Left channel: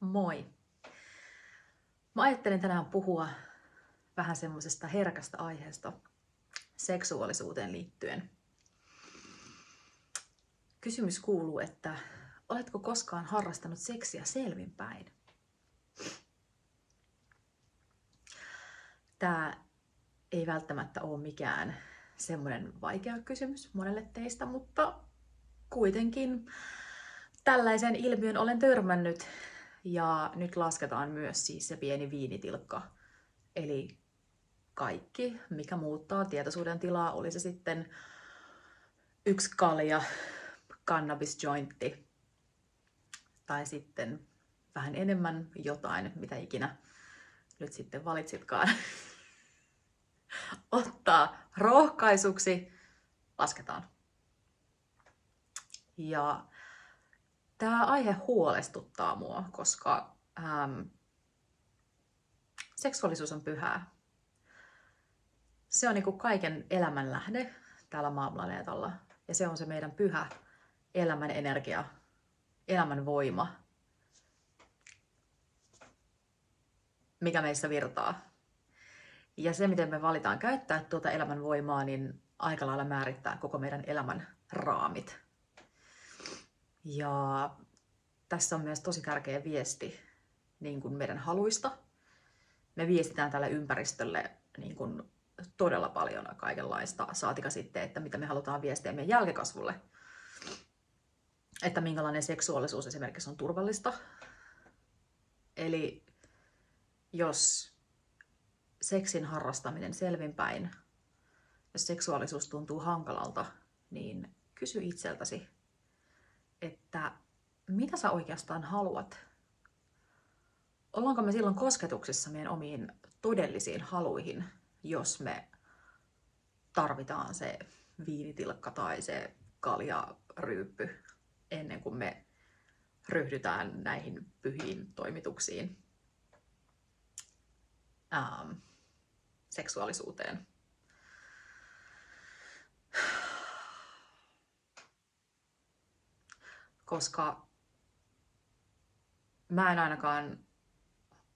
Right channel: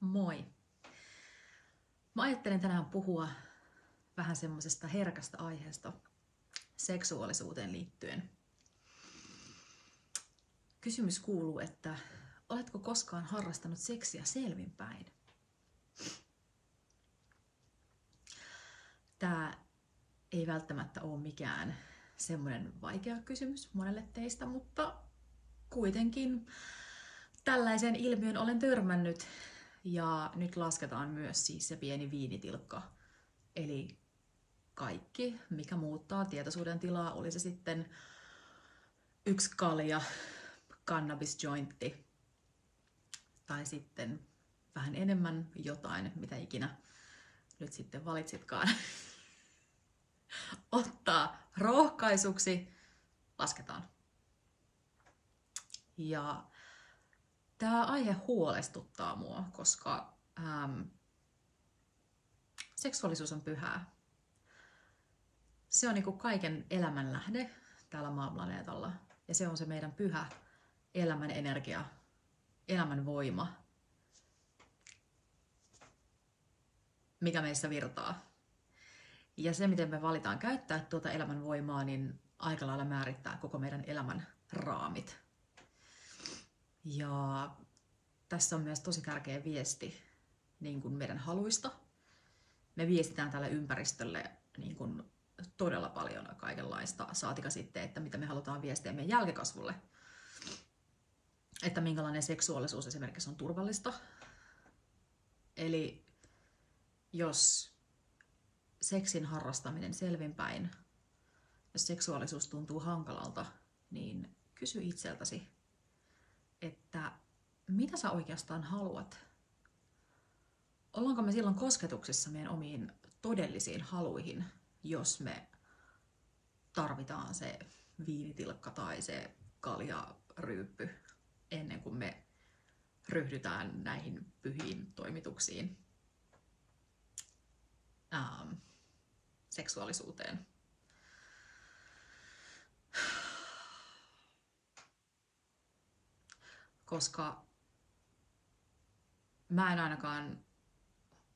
Moi! Mä ajattelin tänään puhua vähän semmoisesta herkästä aiheesta seksuaalisuuteen liittyen. Kysymys kuuluu, että oletko koskaan harrastanut seksiä selvinpäin? Tää ei välttämättä ole mikään semmoinen vaikea kysymys monelle teistä, mutta kuitenkin tällaisen ilmiön olen törmännyt. Ja nyt lasketaan myös siis se pieni viinitilkka. Eli kaikki, mikä muuttaa tietoisuuden tilaa, oli se sitten yksi kalja, cannabis-jointti tai sitten vähän enemmän jotain, mitä ikinä nyt sitten valitsitkaan ottaa rohkaisuksi, lasketaan. Ja tämä aihe huolestuttaa mua, koska seksuaalisuus on pyhää. Se on niinku kaiken elämän lähde täällä maaplaneetalla. Ja se on se meidän pyhä elämän energia, elämän voima, mikä meissä virtaa. Ja se, miten me valitaan käyttää tuota elämän voimaa, niin aika lailla määrittää koko meidän elämän raamit. Ja tässä on myös tosi tärkeä viesti niin kuin meidän haluista. Me viestitään tälle ympäristölle niin kuin todella paljon kaikenlaista, saatika sitten, että mitä me halutaan viestiä meidän jälkikasvulle. Että minkälainen seksuaalisuus esimerkiksi on turvallista. Eli jos seksin harrastaminen selvinpäin, jos seksuaalisuus tuntuu hankalalta, niin kysy itseltäsi, että mitä sä oikeastaan haluat? Ollaanko me silloin kosketuksissa meidän omiin todellisiin haluihin, jos me tarvitaan se viinitilkka tai se kaljaryyppy ennen kuin me ryhdytään näihin pyhiin toimituksiin seksuaalisuuteen. Koska mä en ainakaan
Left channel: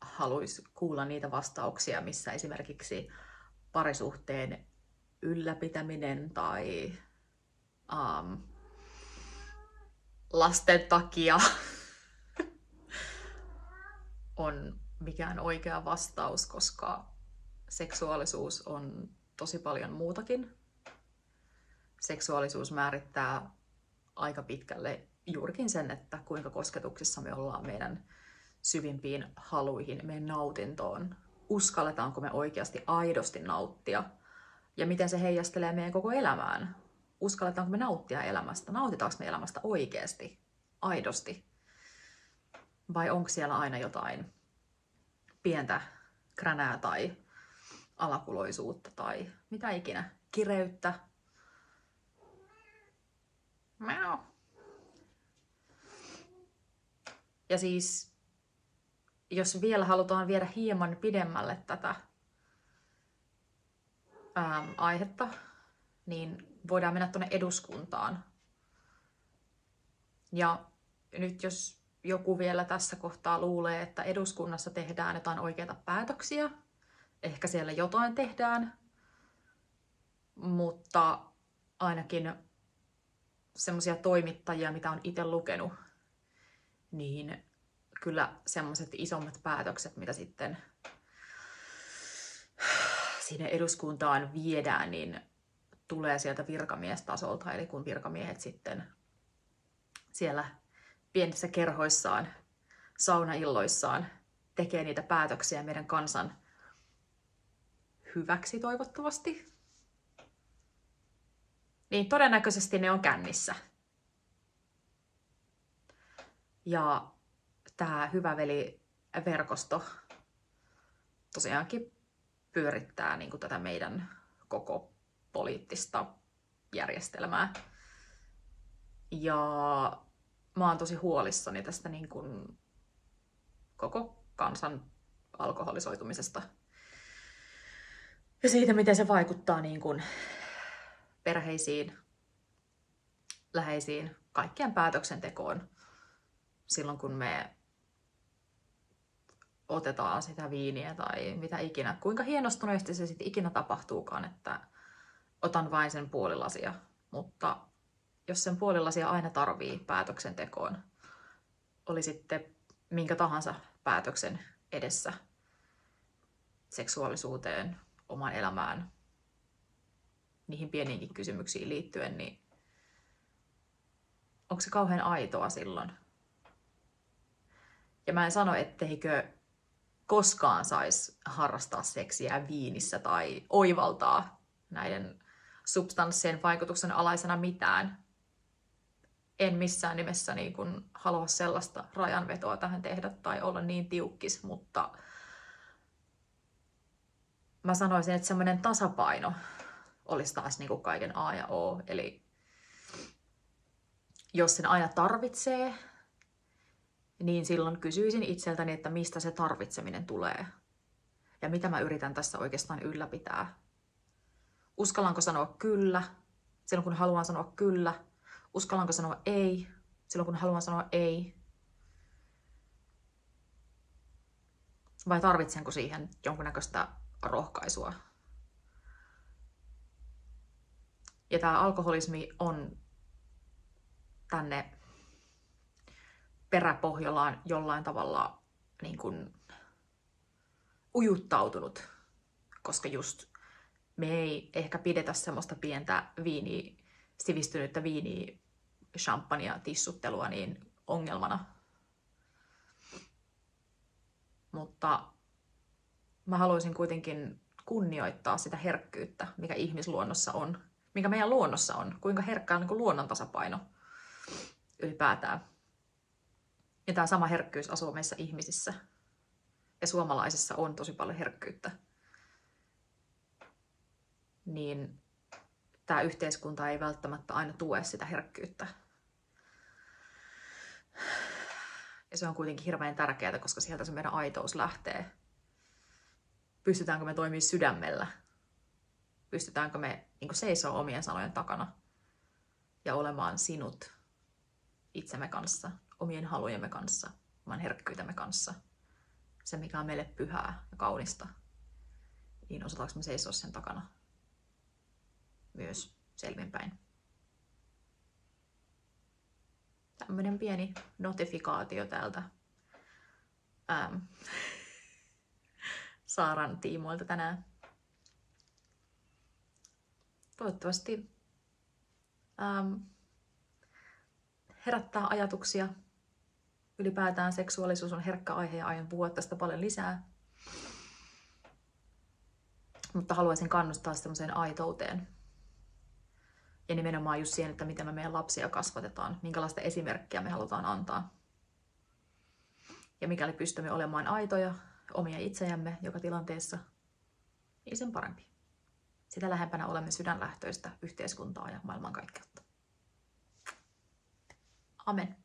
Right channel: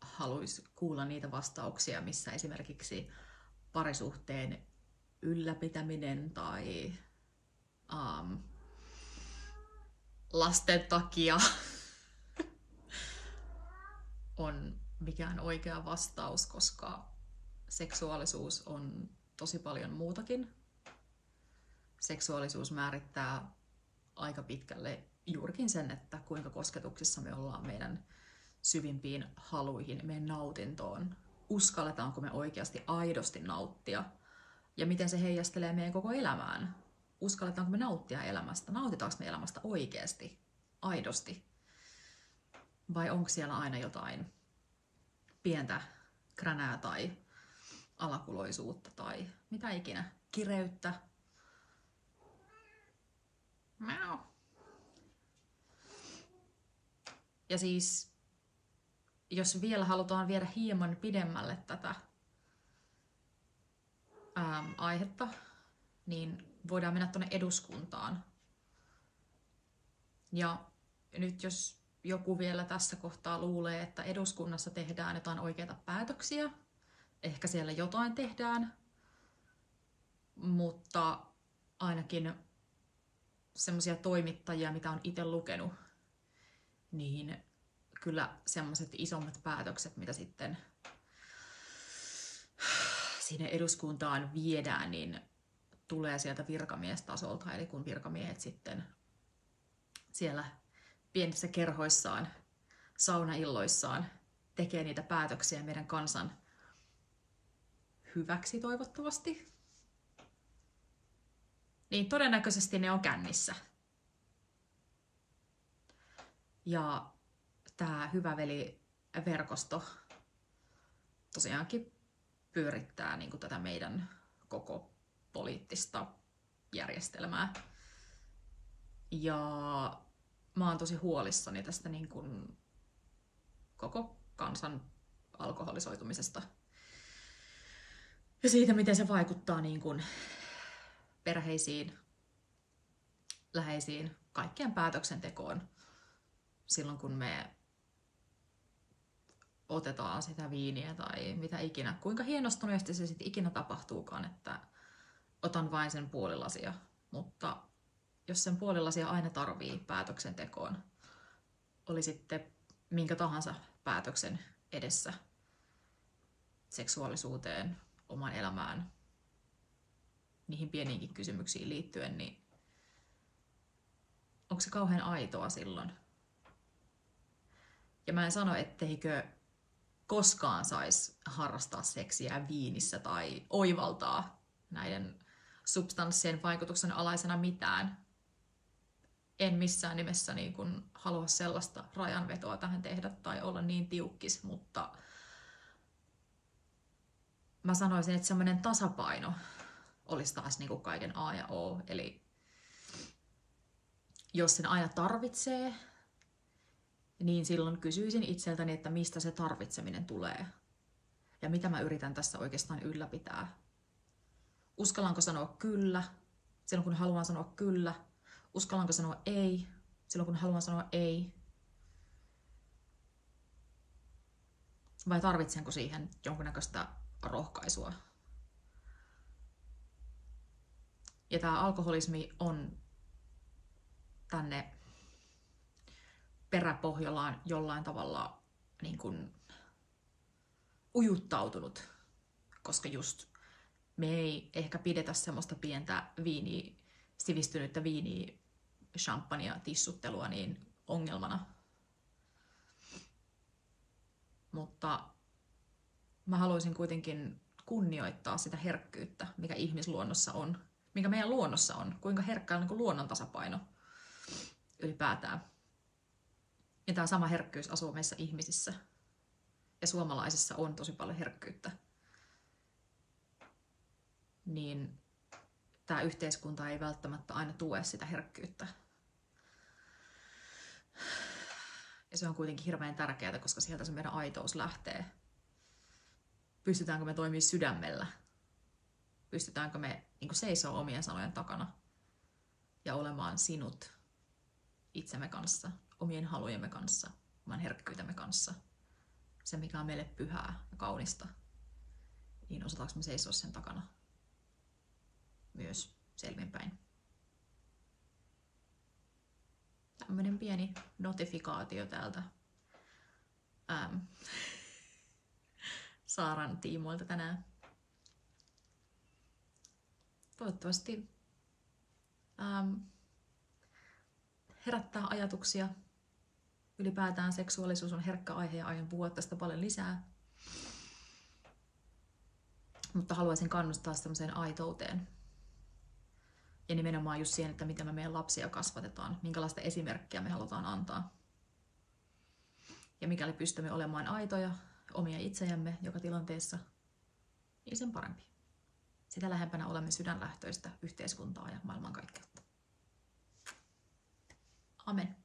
haluaisi kuulla niitä vastauksia, missä esimerkiksi parisuhteen ylläpitäminen tai lasten takia on mikään oikea vastaus, koska seksuaalisuus on tosi paljon muutakin. Seksuaalisuus määrittää aika pitkälle juurikin sen, että kuinka kosketuksissa me ollaan meidän syvimpiin haluihin, meidän nautintoon. Uskalletaanko me oikeasti aidosti nauttia ja miten se heijastelee meidän koko elämään. Uskalletaanko me nauttia elämästä? Nautitaanko me elämästä oikeasti, aidosti? Vai onko siellä aina jotain pientä kränää tai alakuloisuutta tai mitä ikinä, kireyttä? Miau. Ja siis, jos vielä halutaan viedä hieman pidemmälle tätä aihetta, niin voidaan mennä tuonne eduskuntaan. Ja nyt jos joku vielä tässä kohtaa luulee, että eduskunnassa tehdään jotain oikeita päätöksiä, ehkä siellä jotain tehdään, mutta ainakin semmoisia toimittajia, mitä on itse lukenut, niin kyllä semmoiset isommat päätökset, mitä sitten sinne eduskuntaan viedään, niin tulee sieltä virkamiestasolta. Eli kun virkamiehet sitten siellä pienissä kerhoissaan, saunailloissaan tekee niitä päätöksiä meidän kansan hyväksi toivottavasti, niin todennäköisesti ne on kännissä. Ja tämä Hyvä Veli-verkosto tosiaankin pyörittää niin kuin tätä meidän koko poliittista järjestelmää. Ja mä oon tosi huolissani tästä niin kuin koko kansan alkoholisoitumisesta. Ja siitä, miten se vaikuttaa niin kuin perheisiin, läheisiin, kaikkeen päätöksentekoon silloin, kun me otetaan sitä viiniä tai mitä ikinä. Kuinka hienostuneesti se sitten ikinä tapahtuukaan, että otan vain sen puolilasia. Mutta jos sen puolilasia aina tarvii päätöksentekoon, oli sitten minkä tahansa päätöksen edessä, seksuaalisuuteen, omaan elämään, niihin pieniinkin kysymyksiin liittyen, niin onko se kauhean aitoa silloin? Ja mä en sano, etteikö koskaan saisi harrastaa seksiä viinissä tai oivaltaa näiden substanssien vaikutuksen alaisena mitään. En missään nimessä niin kun halua sellaista rajanvetoa tähän tehdä tai olla niin tiukkis, mutta mä sanoisin, että semmoinen tasapaino olisi taas niin kuin kaiken A ja O. Eli jos sen aina tarvitsee, niin silloin kysyisin itseltäni, että mistä se tarvitseminen tulee. Ja mitä mä yritän tässä oikeastaan ylläpitää. Uskallanko sanoa kyllä silloin, kun haluan sanoa kyllä? Uskallanko sanoa ei silloin, kun haluan sanoa ei? Vai tarvitsenko siihen jonkunnäköistä rohkaisua? Ja tämä alkoholismi on tänne peräpohjolaan jollain tavalla niin kuin ujuttautunut, koska just me ei ehkä pidetä semmoista pientä viiniä, sivistynyttä viiniä, champagnea, tissuttelua niin ongelmana. Mutta mä haluaisin kuitenkin kunnioittaa sitä herkkyyttä, mikä ihmisluonnossa on, mikä meidän luonnossa on, kuinka herkkä on niin kuin luonnon tasapaino ylipäätään. Ja tämä sama herkkyys asuu meissä ihmisissä. Ja suomalaisissa on tosi paljon herkkyyttä. Niin tämä yhteiskunta ei välttämättä aina tue sitä herkkyyttä. Ja se on kuitenkin hirveän tärkeää, koska sieltä se meidän aitous lähtee. Pystytäänkö me toimimaan sydämellä? Pystytäänkö me niin seisoo omien sanojen takana ja olemaan sinut itsemme kanssa, omien halujemme kanssa, oman herkkyytemme kanssa. Se, mikä on meille pyhää ja kaunista, niin osataanko me seisoa sen takana myös selvinpäin. Tämmöinen pieni notifikaatio täältä Saaran tiimoilta tänään. Toivottavasti herättää ajatuksia. Ylipäätään seksuaalisuus on herkkä aihe ja aion puhua tästä paljon lisää. Mutta haluaisin kannustaa semmoiseen aitouteen. Ja nimenomaan just siihen, että miten me meidän lapsia kasvatetaan, minkälaista esimerkkiä me halutaan antaa. Ja mikäli pystymme olemaan aitoja, omia itseämme joka tilanteessa, niin sen parempi. Sitä lähempänä olemme sydänlähtöistä yhteiskuntaa ja maailmankaikkeutta. Amen.